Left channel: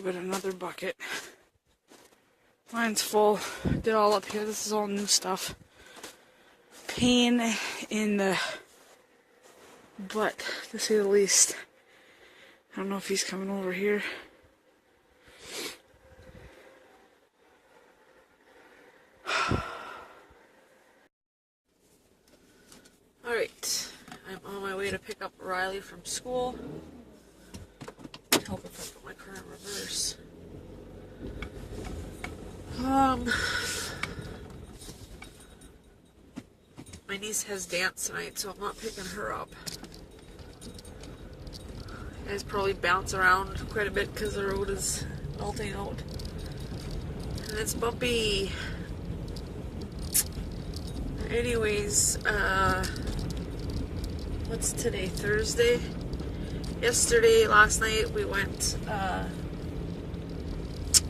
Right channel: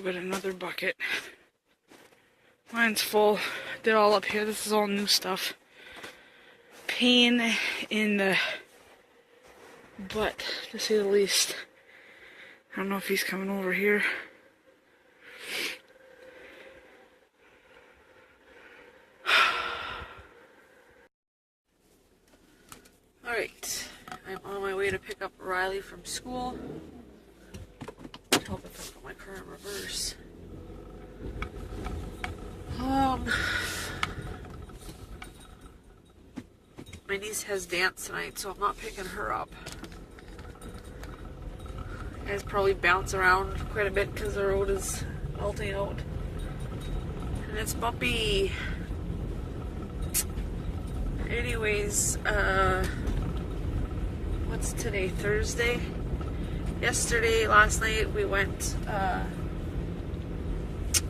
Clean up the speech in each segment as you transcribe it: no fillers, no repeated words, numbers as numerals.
go get another bucket. Mine's full. Did all up here. This is all new stuff. Pain in the butt, to say the least. I don't know if he's coming over here. Alright, I'm on my way to pick up Riley from school. Help if I put my car in reverse. My niece has dance tonight, so I'm not picking her up. You guys probably bounce around quite a bit because the road is melting out. And it's bumpy. Anyways, what's today? Thursday? Last night we went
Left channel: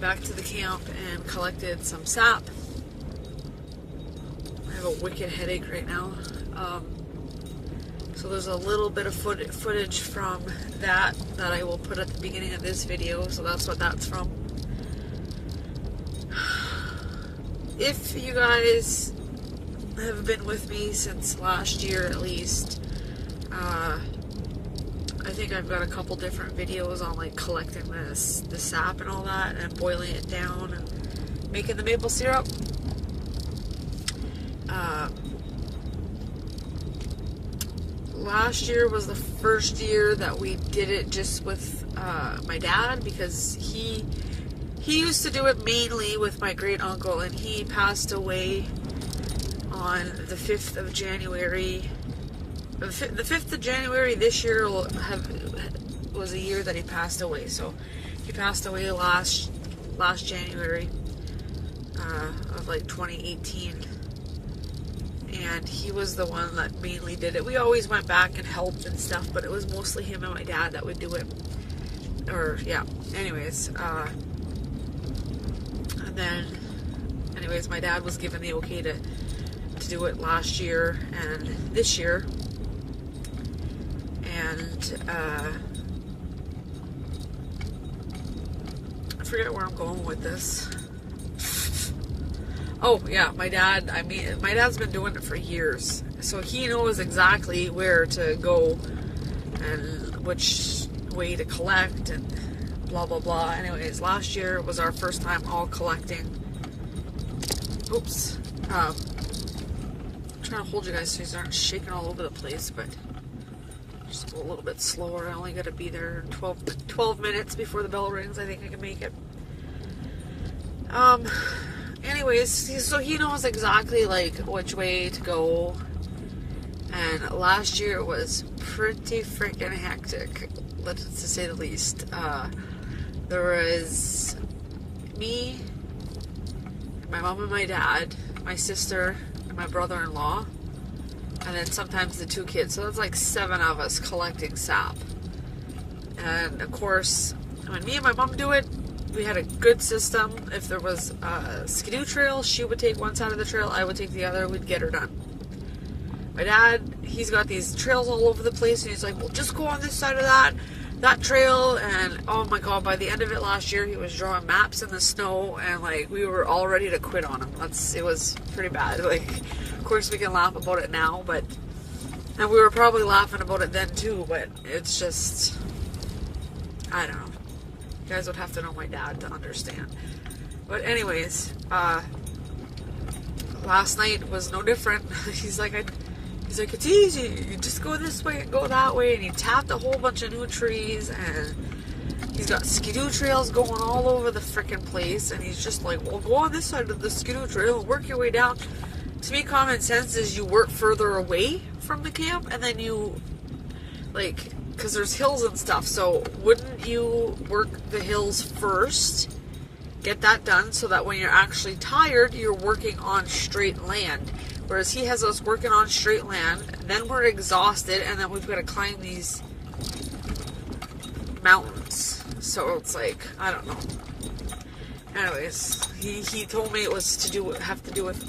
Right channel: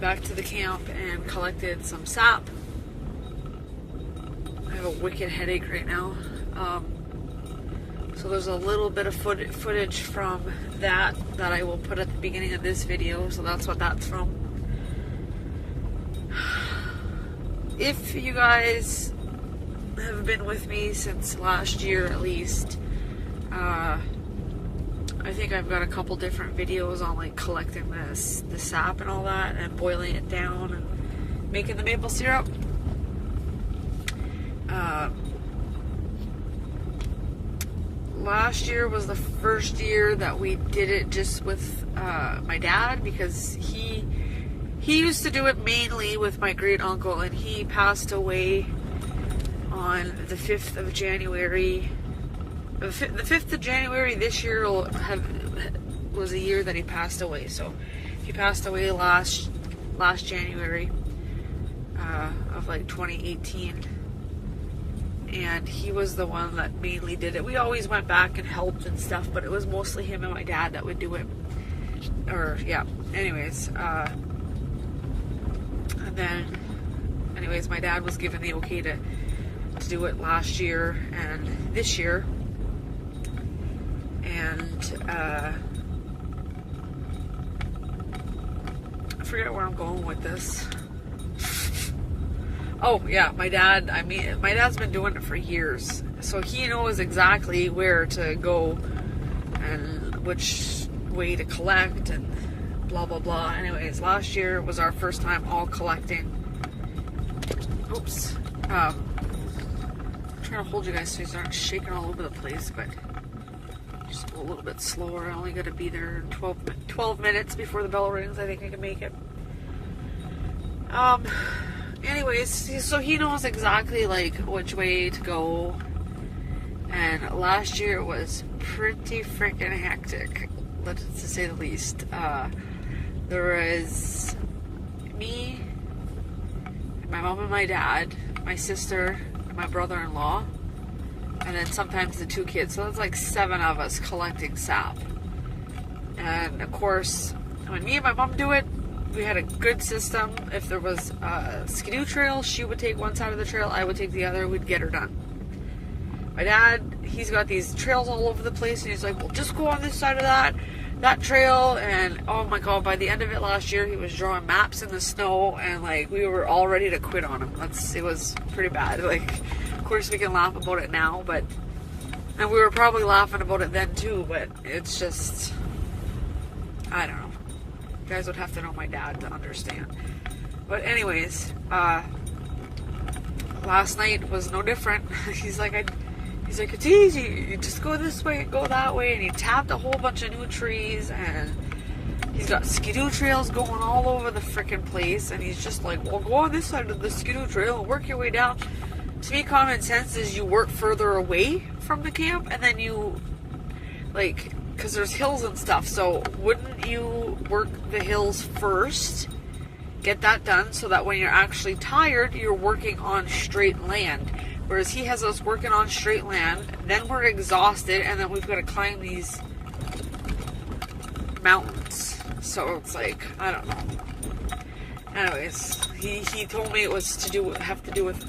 back to the camp and collected some sap. I have a wicked headache right now. So there's a little bit of footage from that I will put at the beginning of this video. So that's what that's from. If you guys have been with me since last year at least, I think I've got a couple different videos on like collecting the sap and all that and boiling it down and making the maple syrup. Last year was the first year that we did it just with my dad, because he used to do it mainly with my great uncle, and he passed away on the 5th of January. The 5th of January this year was a year that he passed away. So he passed away last January of like 2018. And he was the one that mainly did it. We always went back and helped and stuff, but it was mostly him and my dad that would do it. Anyways, and then, anyways, my dad was given the okay to do it last year and this year. And I forget where I'm going with this. Oh yeah, my dad's been doing it for years, so he knows exactly where to go and which way to collect and blah blah blah. Anyways, last year was our first time all collecting. Oops. I'm trying to hold you guys so you aren't shaking all over the place, but just a little bit slower. I only got to be there 12 minutes before the bell rings. I think I can make it. Anyways, so he knows exactly like which way to go. And last year was pretty freaking hectic, to say the least. There was me, my mom and my dad, my sister, and my brother-in-law, and then sometimes the 2 kids. So that's like 7 of us collecting sap. And of course, when me and my mom do it, we had a good system. If there was a skidoo trail, she would take one side of the trail, I would take the other, we'd get her done. My dad, he's got these trails all over the place, and he's like, well, just go on this side of that trail. And oh my god, by the end of it last year, he was drawing maps in the snow, and like we were all ready to quit on him. It was pretty bad. Like, of course we can laugh about it now, and we were probably laughing about it then too, but it's just, I don't know. You guys would have to know my dad to understand. But anyways, last night was no different. He's like, it's easy. You just go this way and go that way. And he tapped a whole bunch of new trees, and he's got skidoo trails going all over the freaking place. And he's just like, well, go on this side of the skidoo trail and work your way down. To me, common sense is you work further away from the camp, and then you, like, because there's hills and stuff, so wouldn't you work the hills first, get that done, so that when you're actually tired, you're working on straight land? Whereas he has us working on straight land, then we're exhausted, and then we've got to climb these mountains. So it's like, I don't know. Anyways, he told me it was have to do with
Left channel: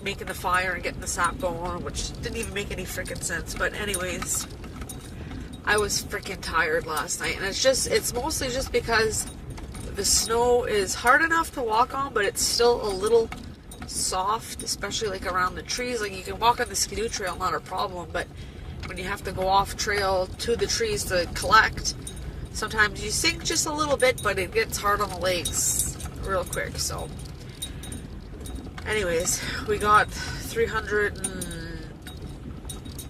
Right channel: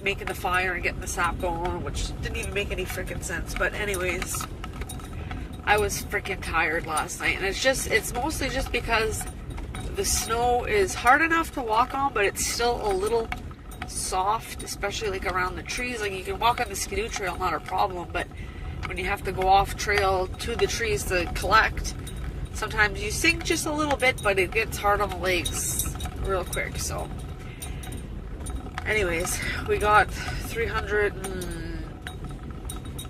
making the fire and getting the sap going, which didn't even make any freaking sense. But anyways, I was freaking tired last night, and it's mostly just because the snow is hard enough to walk on, but it's still a little soft, especially like around the trees. Like you can walk on the skidoo trail, not a problem, but when you have to go off trail to the trees to collect, sometimes you sink just a little bit, but it gets hard on the legs real quick. So anyways, we got 300 and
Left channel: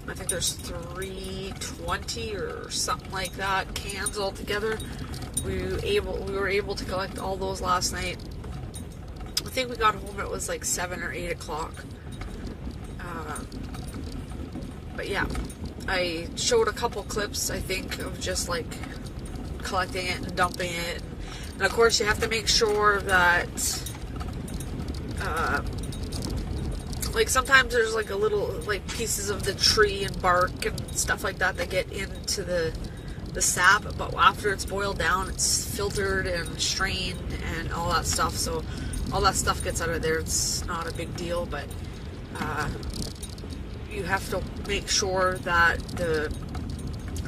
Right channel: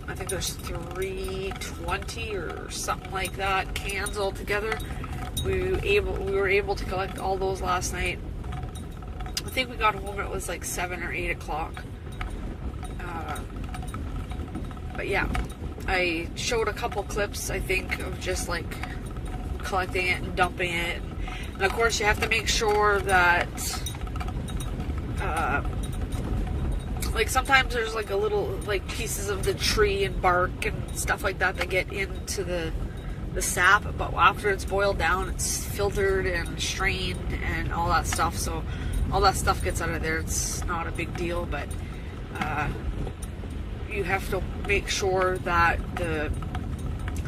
I think there's 320 or something like that cans all together. We were able to collect all those last night. I think we got home, it was like 7 or 8 o'clock. But yeah, I showed a couple clips, I think, of just like collecting it and dumping it. And of course you have to make sure that like sometimes there's like a little like pieces of the tree and bark and stuff like that that get into the sap, but after it's boiled down, it's filtered and strained and all that stuff, so all that stuff gets out of there. It's not a big deal, but you have to make sure that the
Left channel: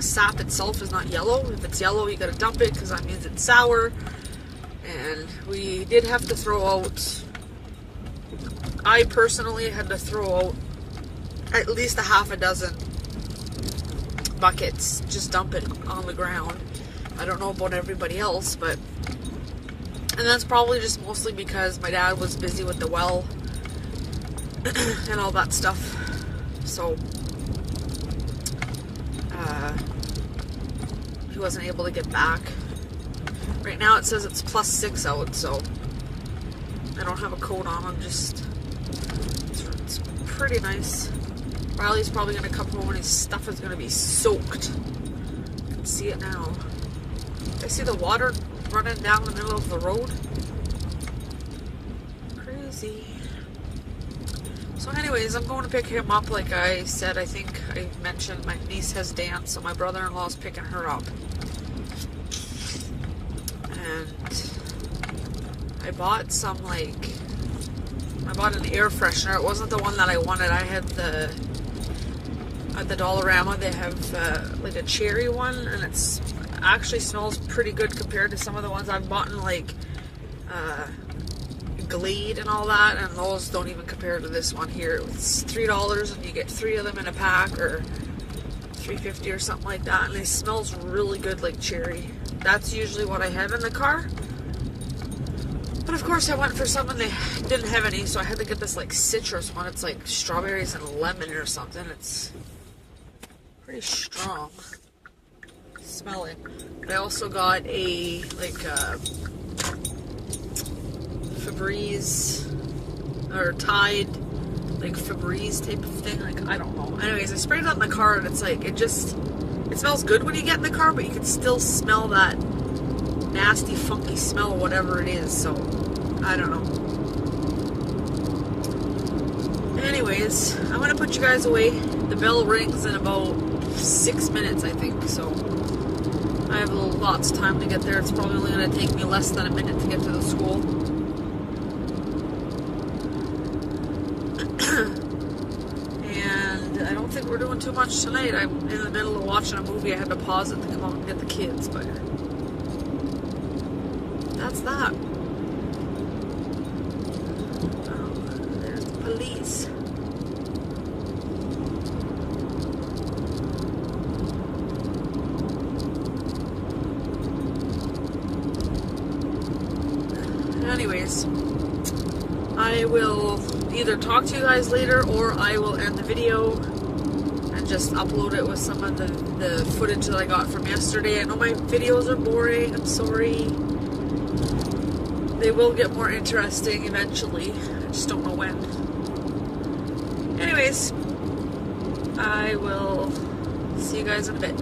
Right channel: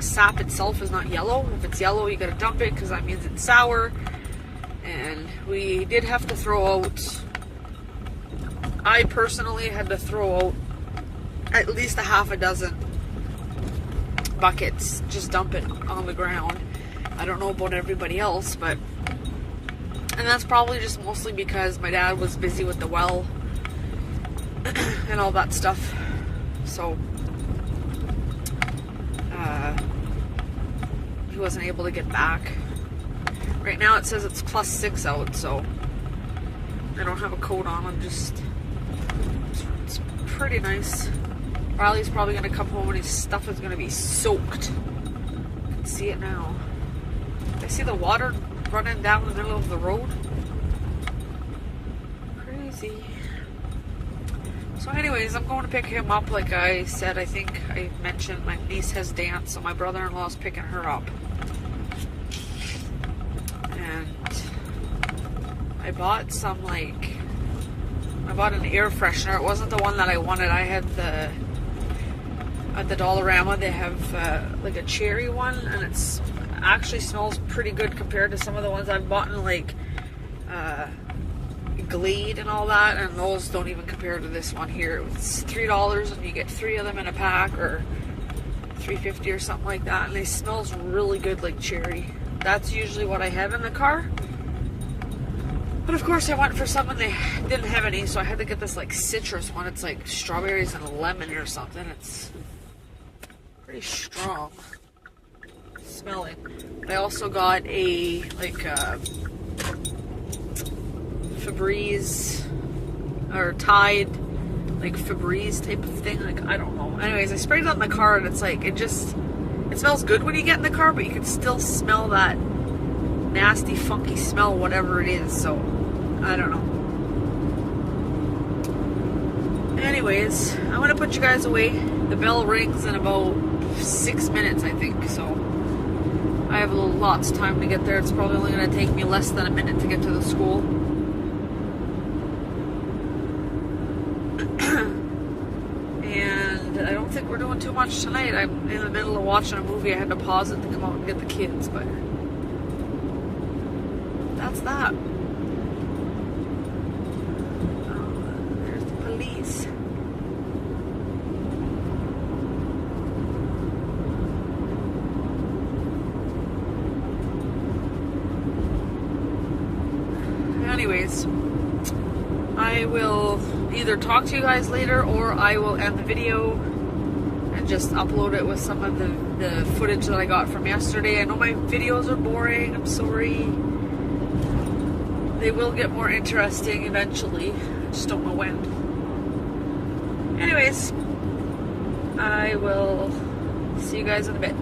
sap itself is not yellow. If it's yellow, you gotta dump it because that means it's sour. And we did have to throw out, I personally had to throw out at least a half a dozen buckets, just dump it on the ground. I don't know about everybody else, but, and that's probably just mostly because my dad was busy with the well and all that stuff, so he wasn't able to get back. Right now it says it's +6 out, so I don't have a coat on. I'm just, it's pretty nice. Riley's probably going to come home and his stuff is going to be soaked. I can see it now. I see the water running down the middle of the road. Crazy. So anyways, I'm going to pick him up. Like I said, I think I mentioned my niece has dance, so my brother-in-law is picking her up. And I bought some, like, I bought an air freshener. It wasn't the one that I wanted. I had the, at the Dollarama, they have like a cherry one, and it's actually smells pretty good compared to some of the ones I've bought in, like Glade and all that, and those don't even compare to this one here. It's $3 and you get 3 of them in a pack, or $3.50 or something like that, and it smells really good like cherry. That's usually what I have in the car. But of course I went for something they didn't have any, so I had to get this like citrus one. It's like strawberries and lemon or something. It's pretty strong smelling. But I also got a like Febreze or Tide, like Febreze type of thing. Like, I don't know. Anyways, I sprayed it on the car and it's like, it smells good when you get in the car, but you can still smell that nasty, funky smell, whatever it is. So, I don't know. Anyways, I'm going to put you guys away. The bell rings in about 6 minutes, I think. So, I have lots of time to get there. It's probably only going to take me less than a minute to get to the school. And I don't think we're doing too much tonight. I'm in the middle of watching a movie. I had to pause it to come out and get the kids, but that's that. Oh, there's the police. Anyways, I will either talk to you guys later, or I will end the video and just upload it with some of the footage that I got from yesterday. I know my videos are boring, I'm sorry. They will get more interesting eventually, I just don't know when. Anyways, I will see you guys in a bit.